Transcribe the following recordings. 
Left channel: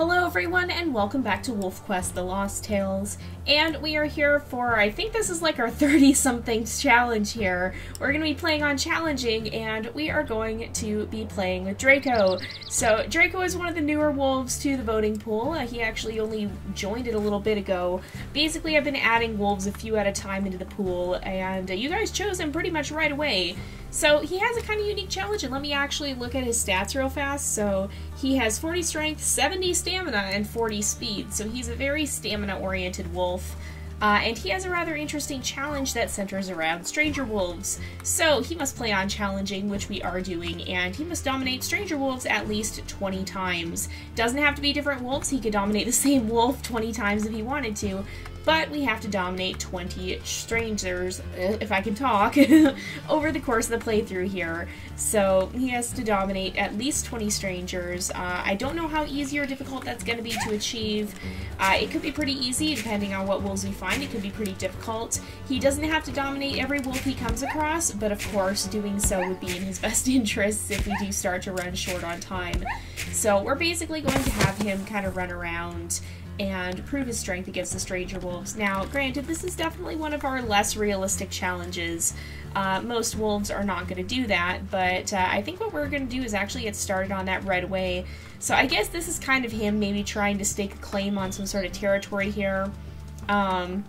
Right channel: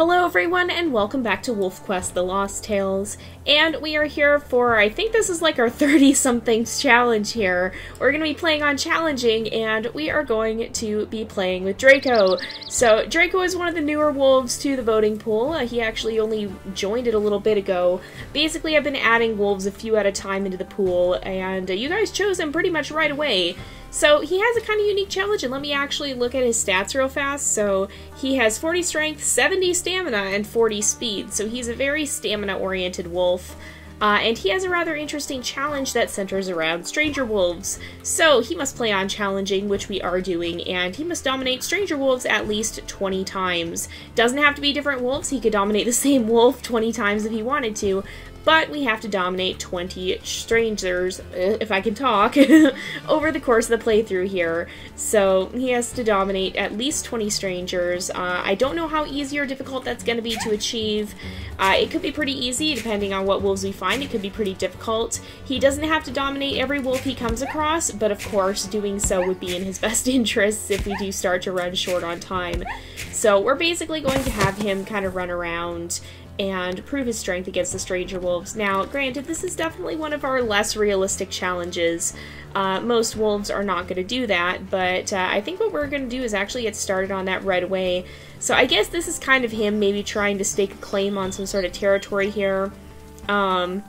Hello everyone and welcome back to WolfQuest The Lost Tales, and we are here for, I think this is like our 30-somethings challenge here. We're going to be playing on challenging, and we are going to be playing with Draco. So Draco is one of the newer wolves to the voting pool. He actually only joined it a little bit ago. Basically I've been adding wolves a few at a time into the pool, and you guys chose him pretty much right away. So he has a kind of unique challenge, and let me actually look at his stats real fast. So he has 40 strength, 70 stamina, and 40 speed. So he's a very stamina-oriented wolf. And he has a rather interesting challenge that centers around stranger wolves. So he must play on challenging, which we are doing, and he must dominate stranger wolves at least 20 times. Doesn't have to be different wolves. He could dominate the same wolf 20 times if he wanted to. But we have to dominate 20 strangers, if I can talk, over the course of the playthrough here. So he has to dominate at least 20 strangers. I don't know how easy or difficult that's going to be to achieve. It could be pretty easy depending on what wolves we find. It could be pretty difficult. He doesn't have to dominate every wolf he comes across, but of course doing so would be in his best interests if we do start to run short on time. So we're basically going to have him kind of run around and prove his strength against the stranger wolves. Now, granted, this is definitely one of our less realistic challenges. Most wolves are not going to do that, but I think what we're going to do is actually get started on that right away. So I guess this is kind of him maybe trying to stake a claim on some sort of territory here. In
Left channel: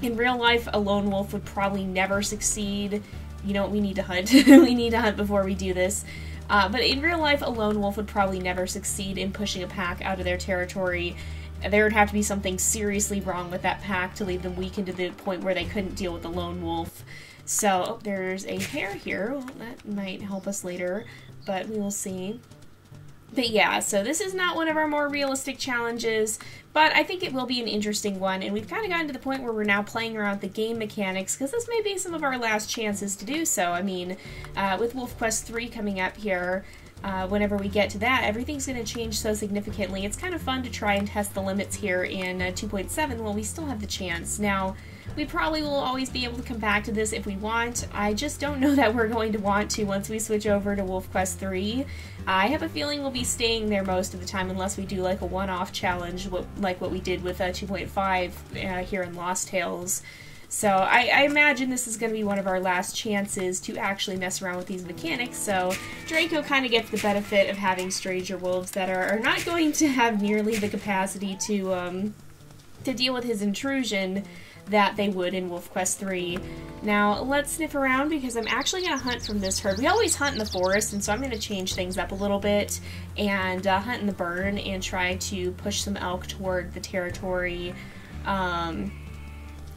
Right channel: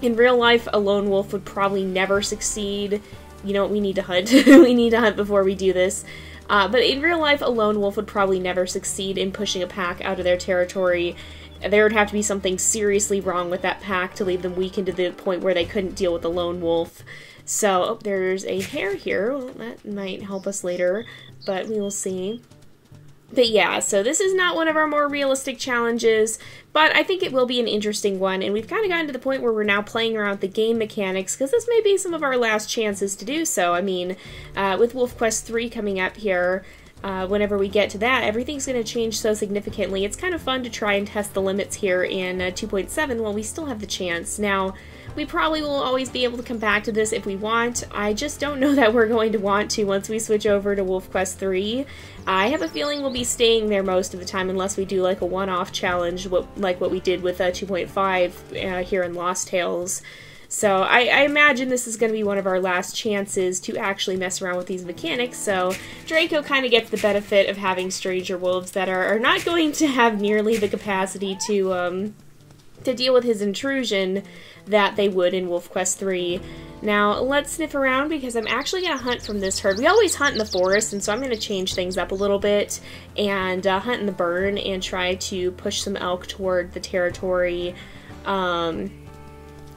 real life, a lone wolf would probably never succeed. You know what, we need to hunt. We need to hunt before we do this. But in real life, a lone wolf would probably never succeed in pushing a pack out of their territory. There would have to be something seriously wrong with that pack to leave them weakened to the point where they couldn't deal with a lone wolf. So, oh, there's a hare here. Well, that might help us later, but we will see. But yeah, so this is not one of our more realistic challenges, but I think it will be an interesting one, and we've kind of gotten to the point where we're now playing around with the game mechanics, because this may be some of our last chances to do so. I mean, with WolfQuest 3 coming up here, whenever we get to that, everything's going to change so significantly. It's kind of fun to try and test the limits here in 2.7 while we still have the chance. Now, we probably will always be able to come back to this if we want. I just don't know that we're going to want to once we switch over to WolfQuest 3. I have a feeling we'll be staying there most of the time unless we do like a one-off challenge like what we did with 2.5 here in Lost Tales. So I imagine this is going to be one of our last chances to actually mess around with these mechanics, so Draco kind of gets the benefit of having stranger wolves that are not going to have nearly the capacity to deal with his intrusion that they would in WolfQuest 3. Now, let's sniff around because I'm actually going to hunt from this herd. We always hunt in the forest, and so I'm going to change things up a little bit and hunt in the burn and try to push some elk toward the territory.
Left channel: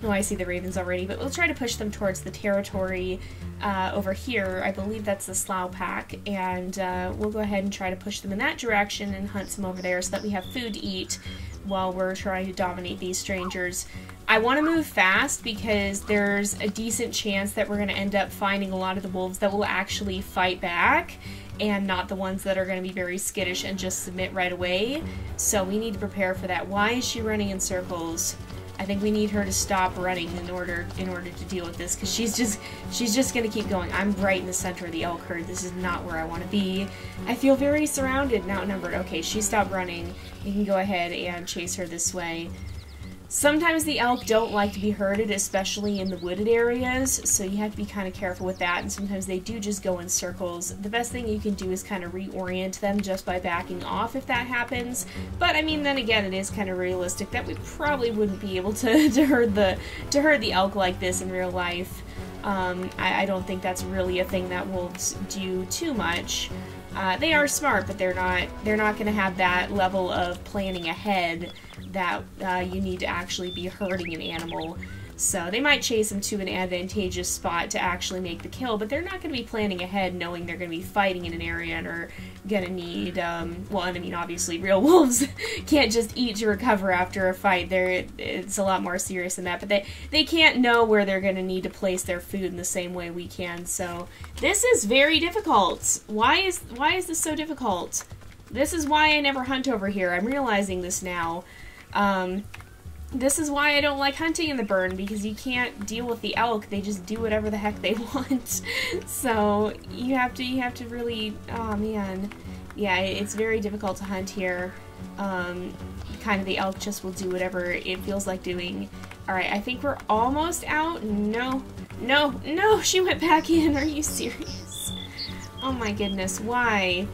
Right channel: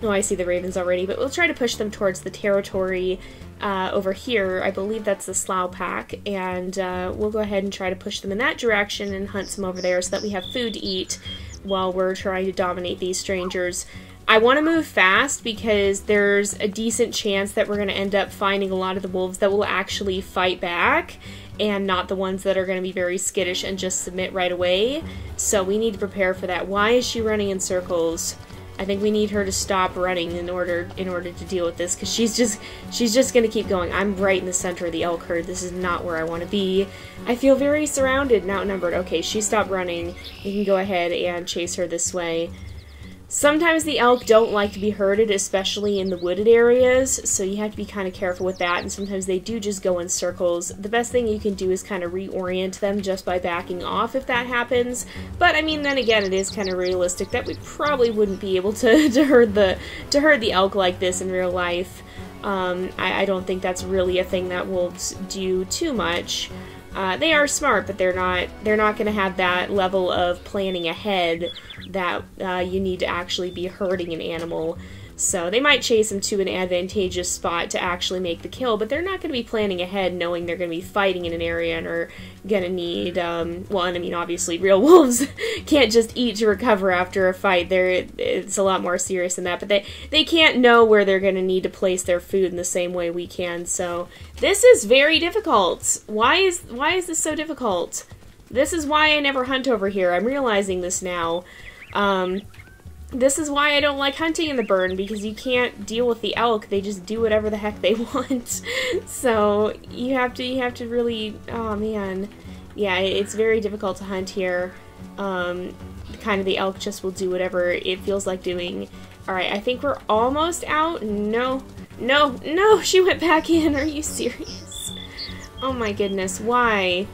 Oh, I see the ravens already, but we'll try to push them towards the territory over here. I believe that's the Slough Pack, and we'll go ahead and try to push them in that direction and hunt some over there so that we have food to eat while we're trying to dominate these strangers. I want to move fast because there's a decent chance that we're going to end up finding a lot of the wolves that will actually fight back and not the ones that are going to be very skittish and just submit right away. So we need to prepare for that. Why is she running in circles? I think we need her to stop running in order to deal with this, because she's just gonna keep going. I'm right in the center of the elk herd. This is not where I want to be. I feel very surrounded and outnumbered. Okay, she stopped running. We can go ahead and chase her this way. Sometimes the elk don't like to be herded, especially in the wooded areas, so you have to be kind of careful with that, and sometimes they do just go in circles. The best thing you can do is kind of reorient them just by backing off if that happens, but I mean, then again, it is kind of realistic that we probably wouldn't be able to herd the elk like this in real life. I don't think that's really a thing that wolves do too much. They are smart, but they're not going to have that level of planning ahead that you need to actually be herding an animal. So they might chase them to an advantageous spot to actually make the kill, but they're not going to be planning ahead knowing they're going to be fighting in an area and are going to need, well, and I mean, obviously, real wolves can't just eat to recover after a fight. It's a lot more serious than that, but they can't know where they're going to need to place their food in the same way we can, so this is very difficult. Why is this so difficult? This is why I never hunt over here. I'm realizing this now. This is why I don't like hunting in the burn, because you can't deal with the elk. They just do whatever the heck they want. So you have to really, oh man. Yeah, it's very difficult to hunt here. Kind of the elk just will do whatever it feels like doing. Alright, I think we're almost out. No, no, no, she went back in. Are you serious? Oh my goodness, why?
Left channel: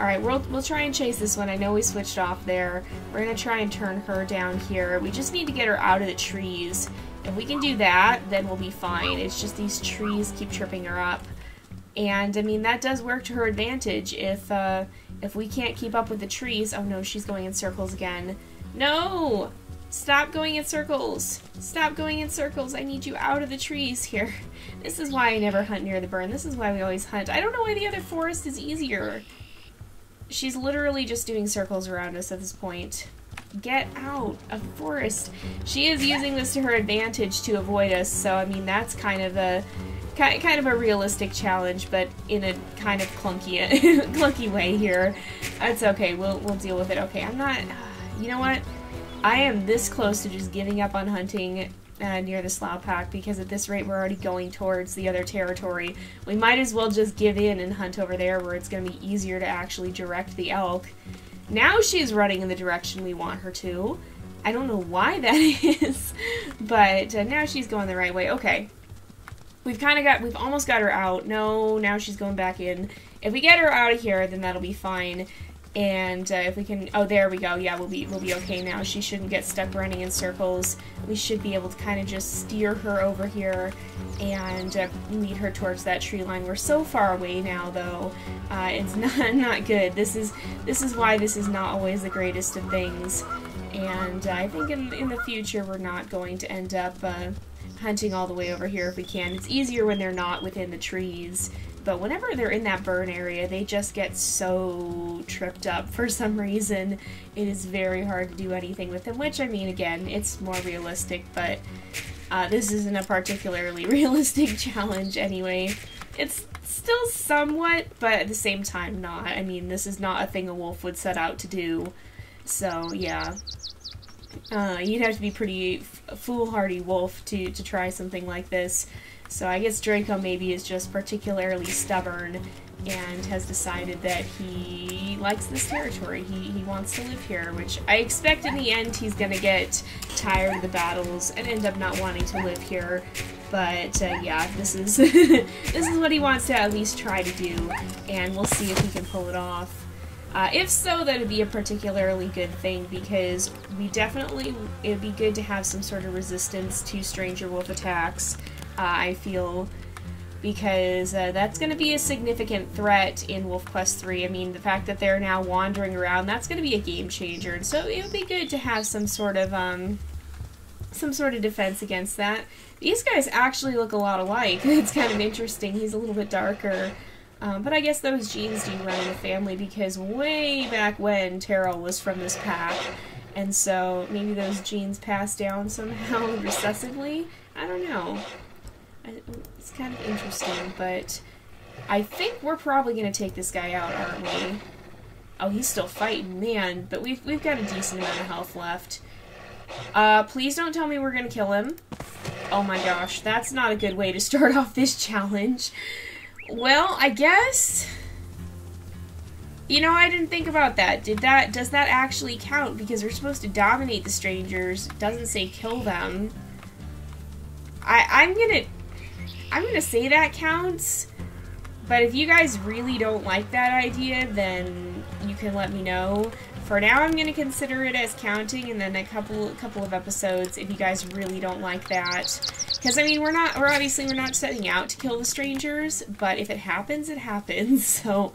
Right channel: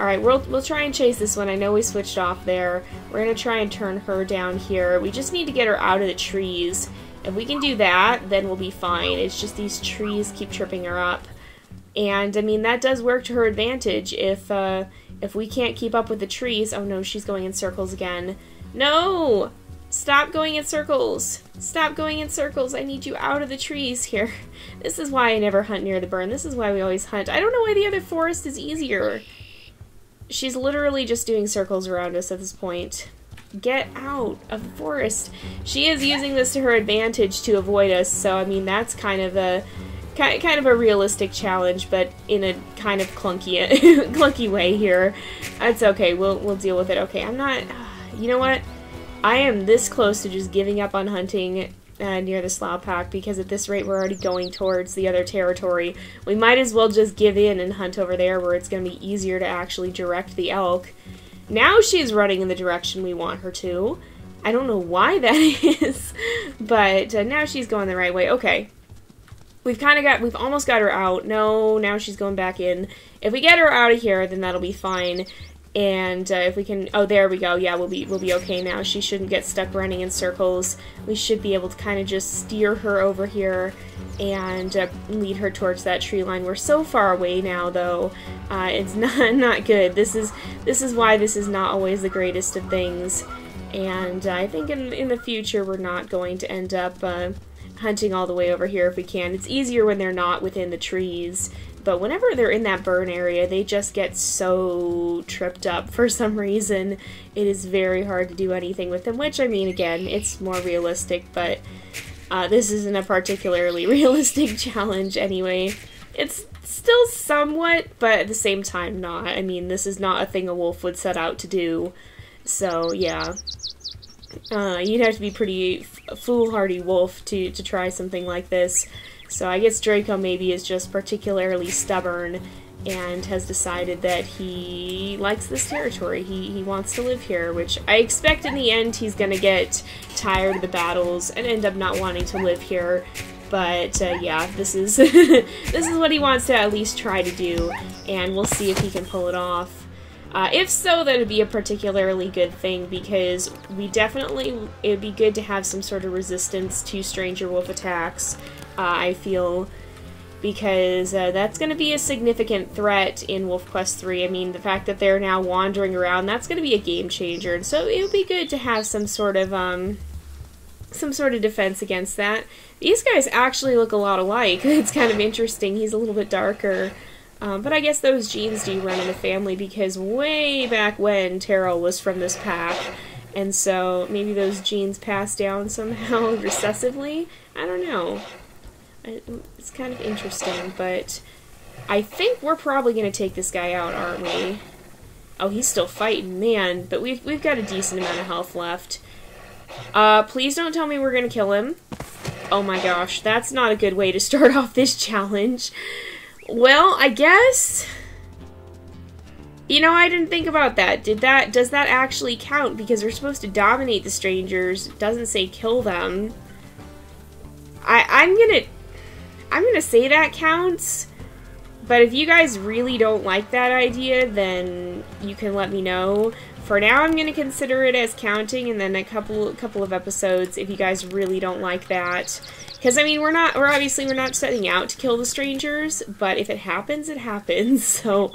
Alright, we'll try and chase this one. I know we switched off there. We're gonna try and turn her down here. We just need to get her out of the trees. If we can do that, then we'll be fine. It's just these trees keep tripping her up. And, I mean, that does work to her advantage. If we can't keep up with the trees... Oh no, she's going in circles again. No! Stop going in circles! Stop going in circles! I need you out of the trees here. This is why I never hunt near the burn. This is why we always hunt. I don't know why the other forest is easier. She's literally just doing circles around us at this point. Get out of the forest. She is using this to her advantage to avoid us, so I mean that's kind of a realistic challenge, but in a kind of clunky way here. That's okay. We'll deal with it. Okay, I'm not. You know what? I am this close to just giving up on hunting near the slough pack, because at this rate we're already going towards the other territory. We might as well just give in and hunt over there, where it's going to be easier to actually direct the elk. Now she's running in the direction we want her to. I don't know why that is, but now she's going the right way. Okay. We've almost got her out. No, now she's going back in. If we get her out of here, then that'll be fine. And if we can, oh, there we go. Yeah, we'll be okay now. She shouldn't get stuck running in circles. We should be able to kind of just steer her over here and lead her towards that tree line. We're so far away now, though. It's not good. This is why this is not always the greatest of things. And I think in the future we're not going to end up hunting all the way over here if we can. It's easier when they're not within the trees. But whenever they're in that burn area, they just get so tripped up for some reason. It is very hard to do anything with them, which, I mean, again, it's more realistic, but this isn't a particularly realistic challenge anyway. It's still somewhat, but at the same time not. I mean, this is not a thing a wolf would set out to do. So, yeah. You'd have to be pretty foolhardy wolf to try something like this. So I guess Draco maybe is just particularly stubborn and has decided that he likes this territory. He wants to live here, which I expect in the end he's gonna get tired of the battles and end up not wanting to live here. But yeah, this is this is what he wants to at least try to do, and we'll see if he can pull it off. If so, that would be a particularly good thing, because it'd be good to have some sort of resistance to stranger wolf attacks. I feel, because that's going to be a significant threat in WolfQuest 3. I mean, the fact that they're now wandering around, that's going to be a game changer. And so it would be good to have some sort of defense against that. These guys actually look a lot alike. It's kind of interesting. He's a little bit darker. But I guess those genes do run in the family, because way back when Terrell was from this pack. And so maybe those genes pass down somehow recessively. I don't know. It's kind of interesting, but I think we're probably going to take this guy out, aren't we? Oh, he's still fighting, man, but we've got a decent amount of health left. Please don't tell me we're going to kill him. Oh my gosh, that's not a good way to start off this challenge. Well, I guess... You know, I didn't think about that. Does that actually count? Because we're supposed to dominate the strangers. It doesn't say kill them. I'm gonna say that counts, but if you guys really don't like that idea, then you can let me know. For now, I'm gonna consider it as counting, and then a couple of episodes if you guys really don't like that. Because I mean, we're obviously not setting out to kill the strangers, but if it happens, it happens. So,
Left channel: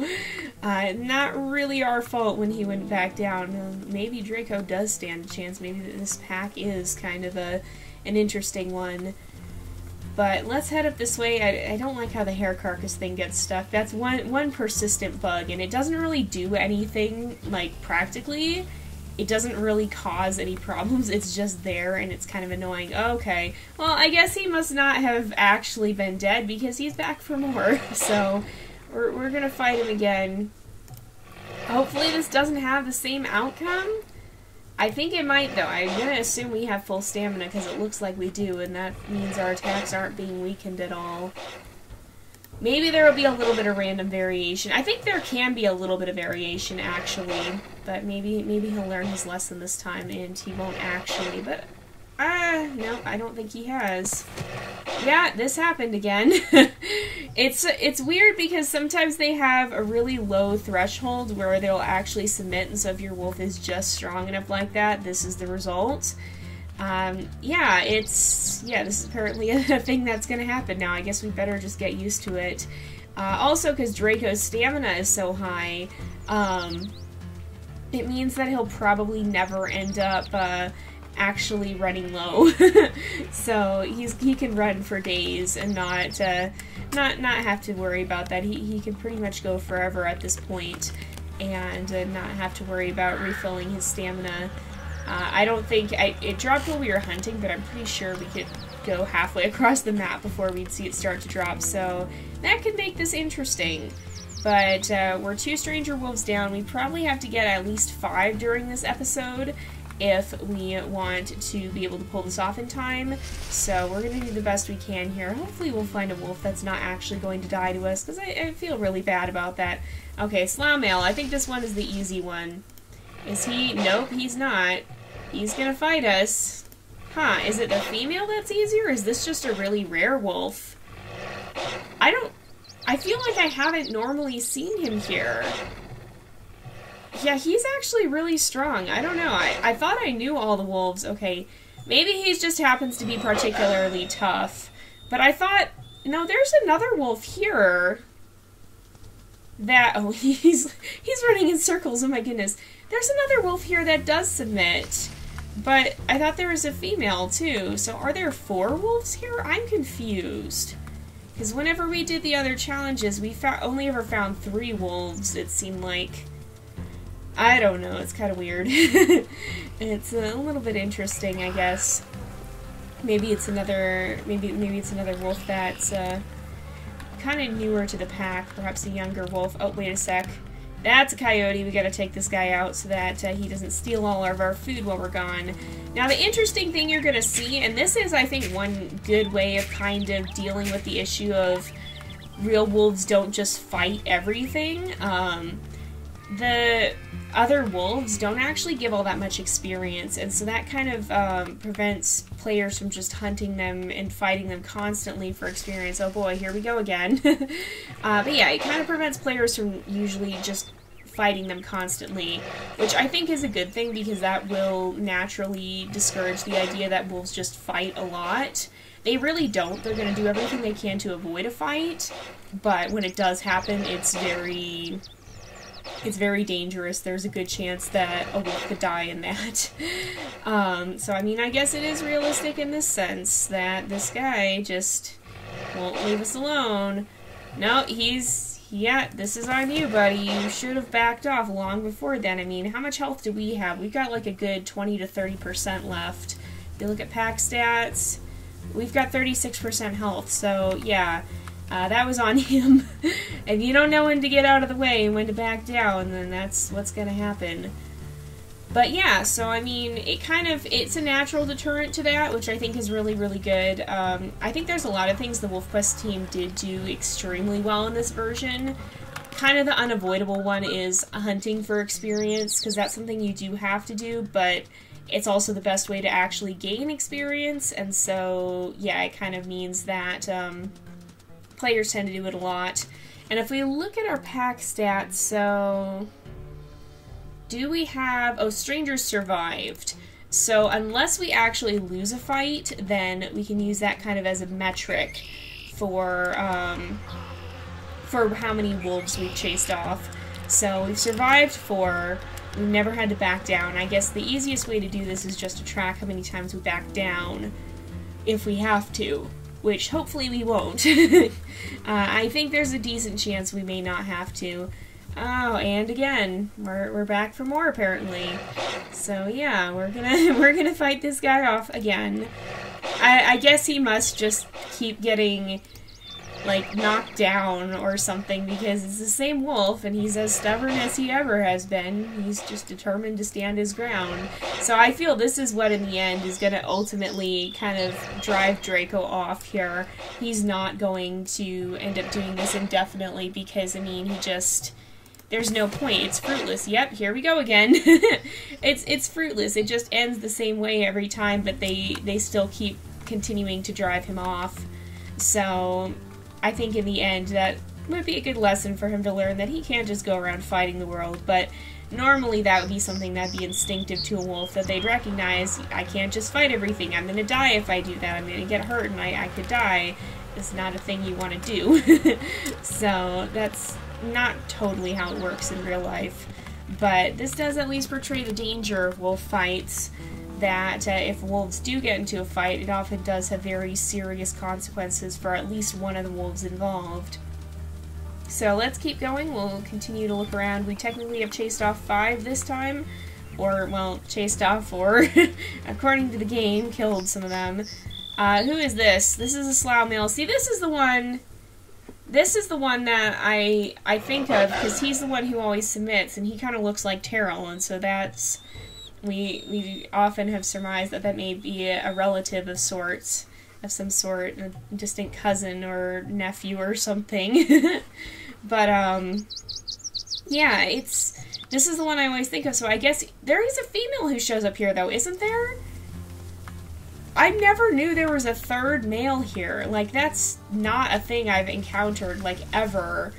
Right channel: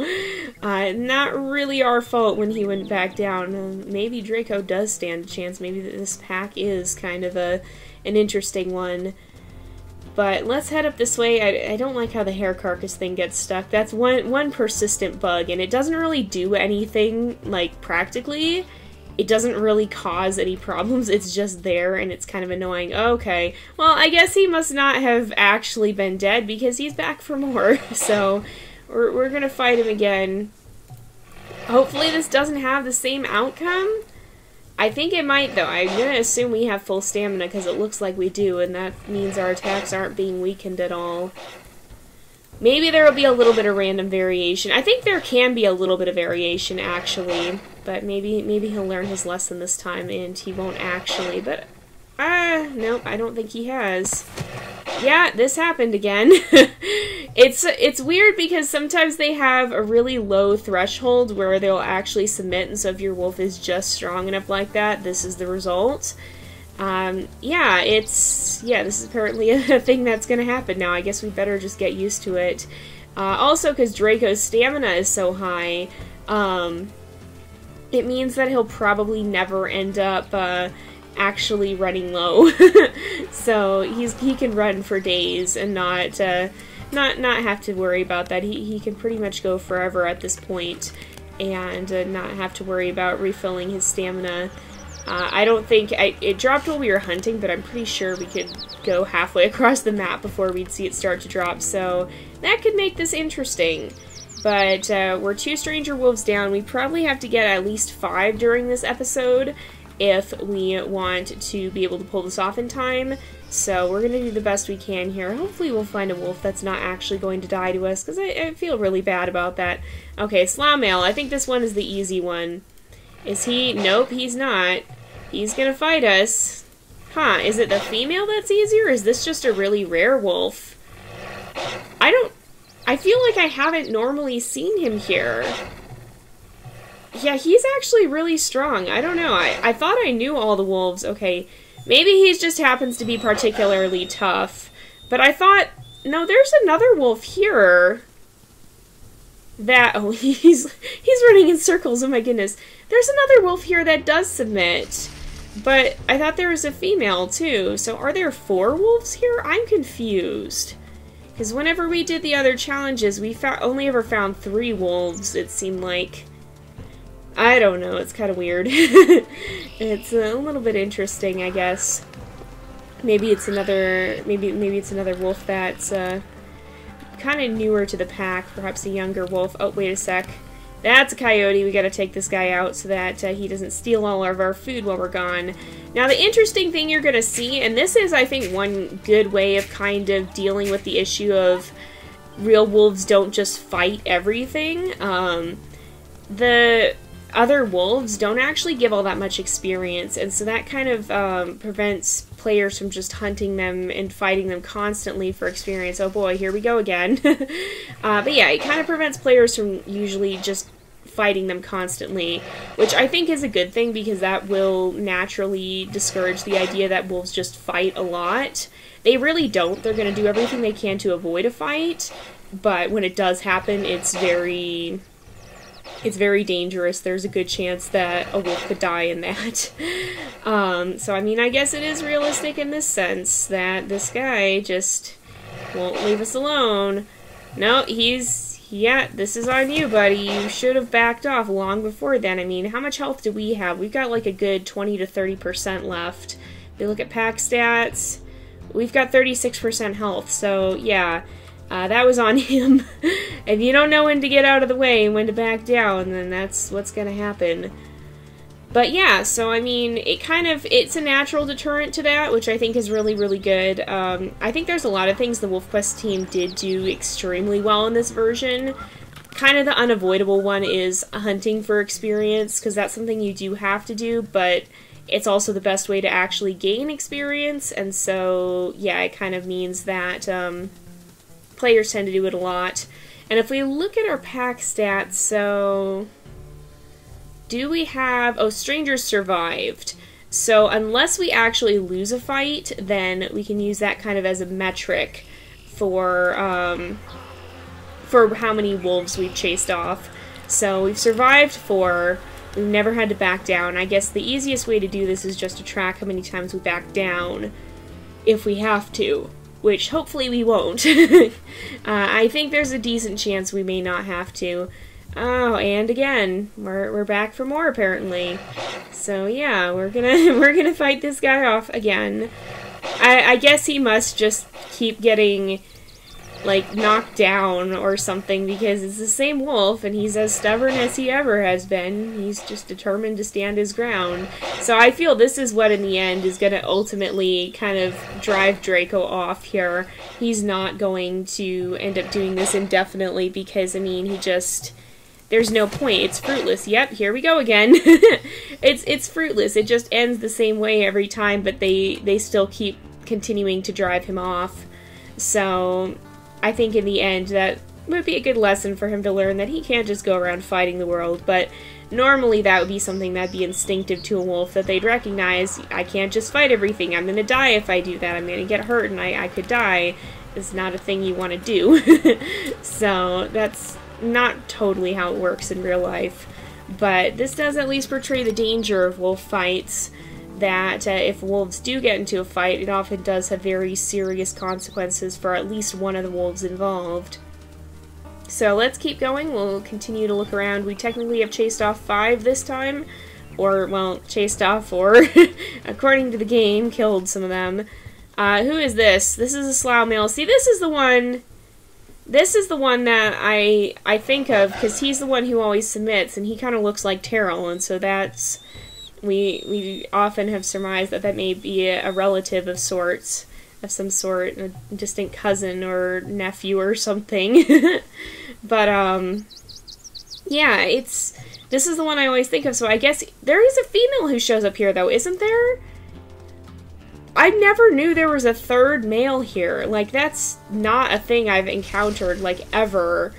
not really our fault when he went back down. Maybe Draco does stand a chance. Maybe this pack is kind of an interesting one. But let's head up this way. I don't like how the hair carcass thing gets stuck. That's one persistent bug, and it doesn't really do anything, like, practically. It doesn't really cause any problems. It's just there, and it's kind of annoying. Okay, well, I guess he must not have actually been dead, because he's back for more. So, we're gonna fight him again. Hopefully this doesn't have the same outcome. I think it might, though. I'm gonna assume we have full stamina because it looks like we do, and that means our attacks aren't being weakened at all. Maybe there will be a little bit of random variation. I think there can be a little bit of variation, actually, but maybe he'll learn his lesson this time and he won't actually, but no, I don't think he has. Yeah, this happened again. It's weird because sometimes they have a really low threshold where they'll actually submit, and so if your wolf is just strong enough like that, this is the result. Yeah, this is apparently a thing that's gonna happen now. I guess we better just get used to it. Also, because Draco's stamina is so high, it means that he'll probably never end up, actually running low. So he can run for days and not have to worry about that. He can pretty much go forever at this point and not have to worry about refilling his stamina. I don't think it dropped while we were hunting, but I'm pretty sure we could go halfway across the map before we'd see it start to drop, so that could make this interesting. But we're 2 stranger wolves down. We probably have to get at least 5 during this episode if we want to be able to pull this off in time. So we're going to do the best we can here. Hopefully we'll find a wolf that's not actually going to die to us, because I feel really bad about that. Okay, slough male. I think this one is the easy one. Is he? Nope, he's not. He's gonna fight us. Huh, is it the female that's easier, or is this just a really rare wolf? I feel like I haven't normally seen him here. Yeah, he's actually really strong. I don't know. I thought I knew all the wolves. Okay, maybe he just happens to be particularly tough. But I thought, no, there's another wolf here. Oh, he's running in circles. Oh my goodness. There's another wolf here that does submit. But I thought there was a female too. So are there 4 wolves here? I'm confused. Because whenever we did the other challenges, we only ever found 3 wolves, it seemed like. I don't know, it's kind of weird. It's a little bit interesting, I guess. Maybe it's another wolf that's kind of newer to the pack, perhaps a younger wolf. Oh, wait a sec. That's a coyote. We gotta take this guy out so that he doesn't steal all of our food while we're gone. Now, the interesting thing you're gonna see, and this is, I think, one good way of kind of dealing with the issue of real wolves don't just fight everything. The other wolves don't actually give all that much experience, and so that kind of prevents players from just hunting them and fighting them constantly for experience. Oh boy, here we go again. But yeah, it kind of prevents players from usually just fighting them constantly, which I think is a good thing because that will naturally discourage the idea that wolves just fight a lot. They really don't. They're going to do everything they can to avoid a fight, but when it does happen, it's very dangerous. There's a good chance that a wolf could die in that. So, I mean, I guess it is realistic in this sense that this guy just won't leave us alone. No, yeah, this is on you, buddy. You should have backed off long before then. I mean, how much health do we have? We've got like a good 20 to 30% left. If you look at pack stats, we've got 36% health, so yeah. That was on him. If you don't know when to get out of the way and when to back down, then that's what's gonna happen. But yeah, so I mean, it's a natural deterrent to that, which I think is really, really good. I think there's a lot of things the WolfQuest team did do extremely well in this version. Kind of the unavoidable one is hunting for experience, because that's something you do have to do, but it's also the best way to actually gain experience, and so, yeah, it kind of means that, players tend to do it a lot. And if we look at our pack stats, so do we have... Oh, strangers survived. So unless we actually lose a fight, then we can use that kind of as a metric for how many wolves we've chased off. So we've survived 4. We've never had to back down. I guess the easiest way to do this is just to track how many times we back down if we have to, which hopefully we won't. I think there's a decent chance we may not have to. Oh, and again, we're back for more apparently. So yeah, we're gonna fight this guy off again. I guess he must just keep getting like, knocked down or something, because it's the same wolf, and he's as stubborn as he ever has been. He's just determined to stand his ground. So I feel this is what, in the end, is going to ultimately kind of drive Draco off here. He's not going to end up doing this indefinitely, because, I mean, he just... There's no point. It's fruitless. Yep, here we go again. It's fruitless. It just ends the same way every time, but they still keep continuing to drive him off. So I think in the end that would be a good lesson for him to learn, that he can't just go around fighting the world. But normally that would be something that'd be instinctive to a wolf, that they'd recognize, I can't just fight everything. I'm gonna die if I do that. I'm gonna get hurt and I could die. It's not a thing you want to do. So that's not totally how it works in real life. But this does at least portray the danger of wolf fights, that if wolves do get into a fight, it often does have very serious consequences for at least one of the wolves involved. So let's keep going. We'll continue to look around. We technically have chased off 5 this time. Or, well, chased off, or, according to the game, killed some of them. Who is this? This is a slough male. See, this is the one that I think of, because he's the one who always submits, and he kind of looks like Terrell, and so that's... We often have surmised that may be a relative of sorts, of some sort, a distant cousin or nephew or something. But, yeah, this is the one I always think of, so I guess there is a female who shows up here, though, isn't there? I never knew there was a third male here. Like, that's not a thing I've encountered, like, ever.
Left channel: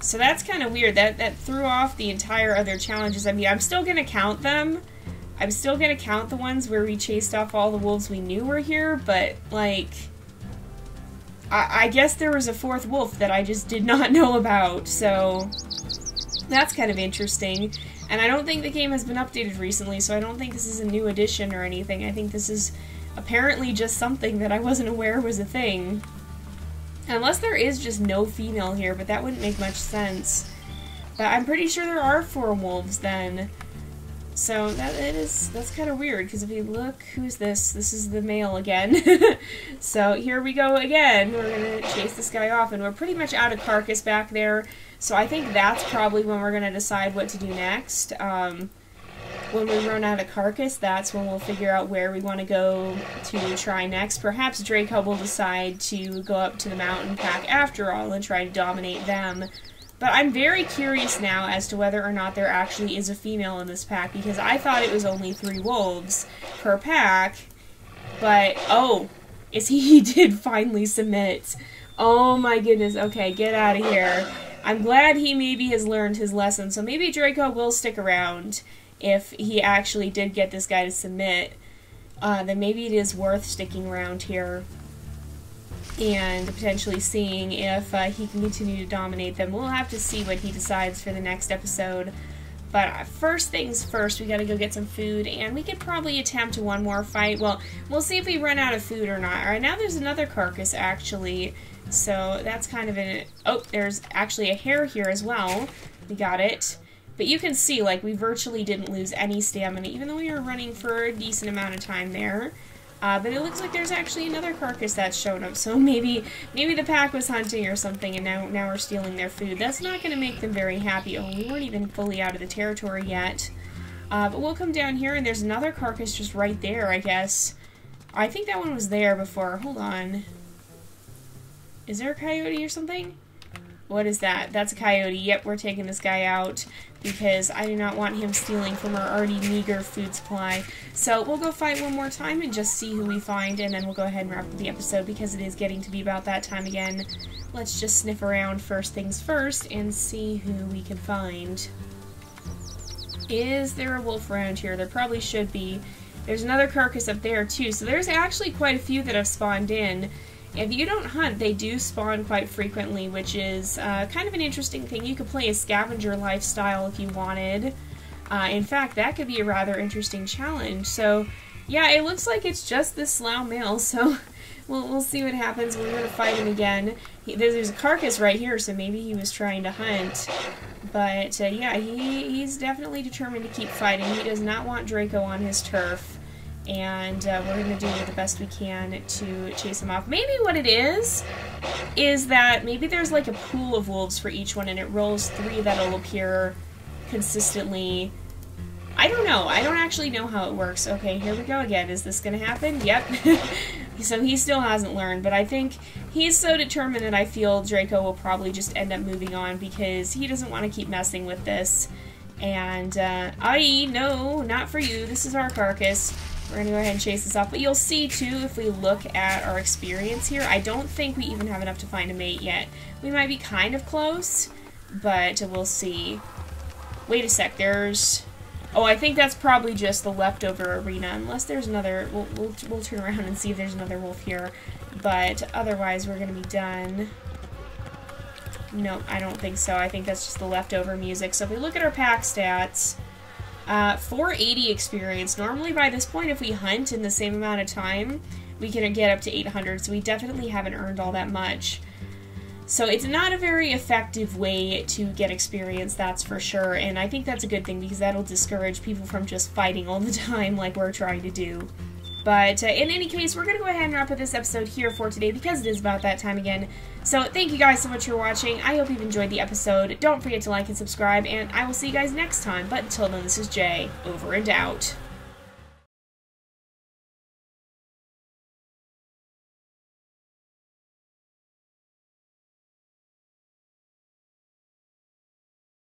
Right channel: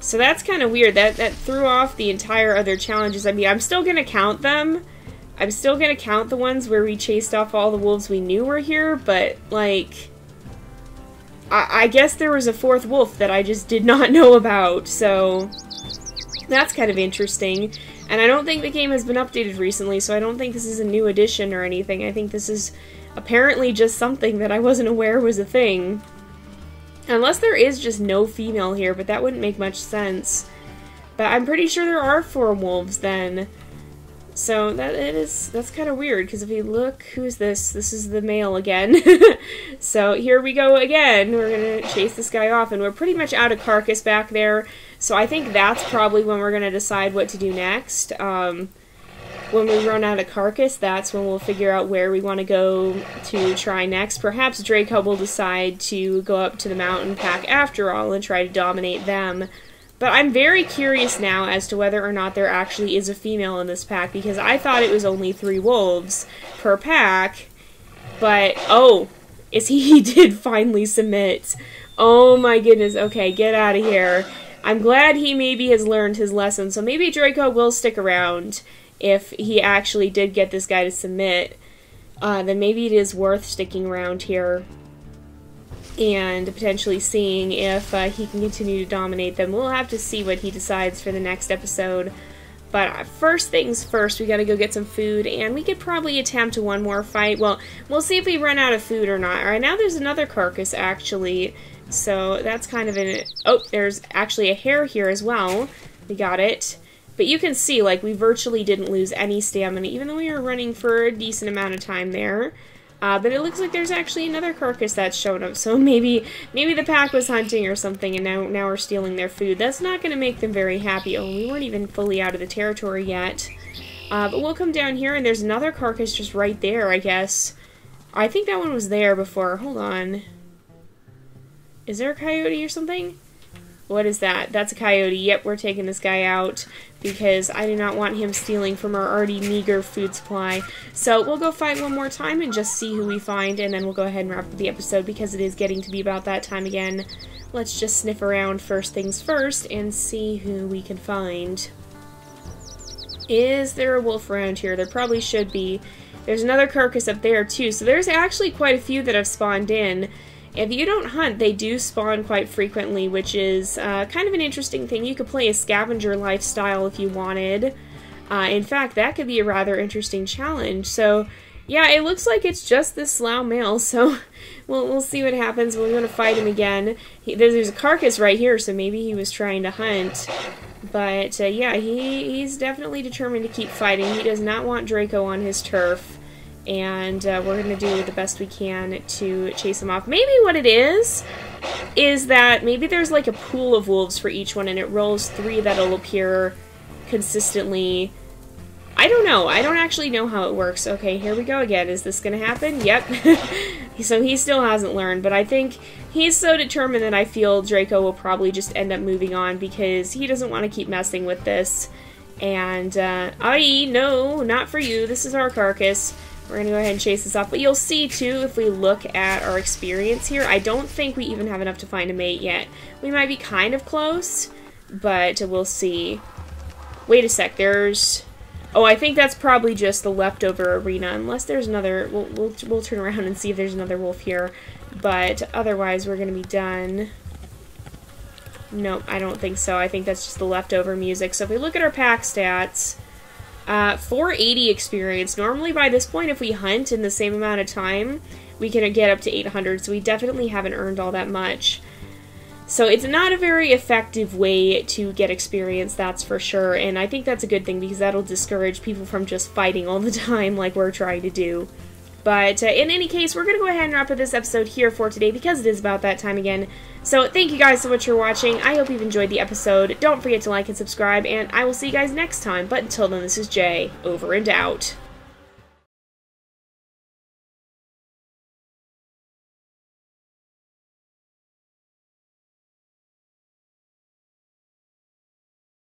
So that's kind of weird. That threw off the entire other challenges. I mean, I'm still gonna count them. I'm still gonna count the ones where we chased off all the wolves we knew were here, but, like, I guess there was a 4th wolf that I just did not know about, so that's kind of interesting. And I don't think the game has been updated recently, so I don't think this is a new addition or anything. I think this is apparently just something that I wasn't aware was a thing. Unless there is just no female here, but that wouldn't make much sense. But I'm pretty sure there are 4 wolves then. So that's kind of weird, because if you look, who's this? This is the male again. So here we go again. We're going to chase this guy off, and we're pretty much out of carcass back there. So I think that's probably when we're going to decide what to do next. When we run out of carcass, that's when we'll figure out where we want to go to try next. Perhaps Draco will decide to go up to the mountain pack after all and try to dominate them. But I'm very curious now as to whether or not there actually is a female in this pack, because I thought it was only 3 wolves per pack. But, oh, he did finally submit. Oh my goodness, okay, get out of here. I'm glad he maybe has learned his lesson, so maybe Draco will stick around if he actually did get this guy to submit. Then maybe it is worth sticking around here and potentially seeing if he can continue to dominate them. We'll have to see what he decides for the next episode. But first things first, we gotta go get some food, and we could probably attempt one more fight. Well, we'll see if we run out of food or not. Alright, now there's another carcass, actually. So that's kind of an... Oh, there's actually a hare here as well. We got it. But you can see, like, we virtually didn't lose any stamina, even though we were running for a decent amount of time there. But it looks like there's actually another carcass that's shown up, so maybe the pack was hunting or something, and now we're stealing their food. That's not going to make them very happy. Oh, we weren't even fully out of the territory yet. But we'll come down here, and there's another carcass just right there, I guess. I think that one was there before. Hold on. Is there a coyote or something? What is that? That's a coyote. Yep, we're taking this guy out because I do not want him stealing from our already meager food supply. So we'll go fight one more time and just see who we find, and then we'll go ahead and wrap up the episode because it is getting to be about that time again. Let's just sniff around first things first and see who we can find. Is there a wolf around here? There probably should be. There's another carcass up there too, so there's actually quite a few that have spawned in. If you don't hunt, they do spawn quite frequently, which is kind of an interesting thing. You could play a scavenger lifestyle if you wanted. In fact, that could be a rather interesting challenge. So, yeah, it looks like it's just this slough male, so we'll see what happens. We're going to fight him again. There's a carcass right here, so maybe he was trying to hunt. But, yeah, he's definitely determined to keep fighting. He does not want Draco on his turf. And we're going to do the best we can to chase him off. Maybe what it is is that maybe there's like a pool of wolves for each one, and it rolls 3 that'll appear consistently. I don't know. I don't actually know how it works. Okay, here we go again. Is this gonna happen? Yep. So he still hasn't learned, but I think he's so determined that I feel Draco will probably just end up moving on because he doesn't want to keep messing with this. And, no, not for you. This is our carcass. We're gonna go ahead and chase this off. But you'll see, too, if we look at our experience here, I don't think we even have enough to find a mate yet. We might be kind of close, but we'll see. Wait a sec, there's... Oh, I think that's probably just the leftover arena, unless there's another... We'll turn around and see if there's another wolf here. But otherwise, we're gonna be done. Nope, I don't think so. I think that's just the leftover music. So if we look at our pack stats, 480 experience. Normally by this point, if we hunt in the same amount of time, we can get up to 800, so we definitely haven't earned all that much. So it's not a very effective way to get experience, that's for sure, and I think that's a good thing because that'll discourage people from just fighting all the time like we're trying to do. But in any case, we're going to go ahead and wrap up this episode here for today because it is about that time again. So thank you guys so much for watching. I hope you've enjoyed the episode. Don't forget to like and subscribe, and I will see you guys next time. But until then, this is Jay, over and out.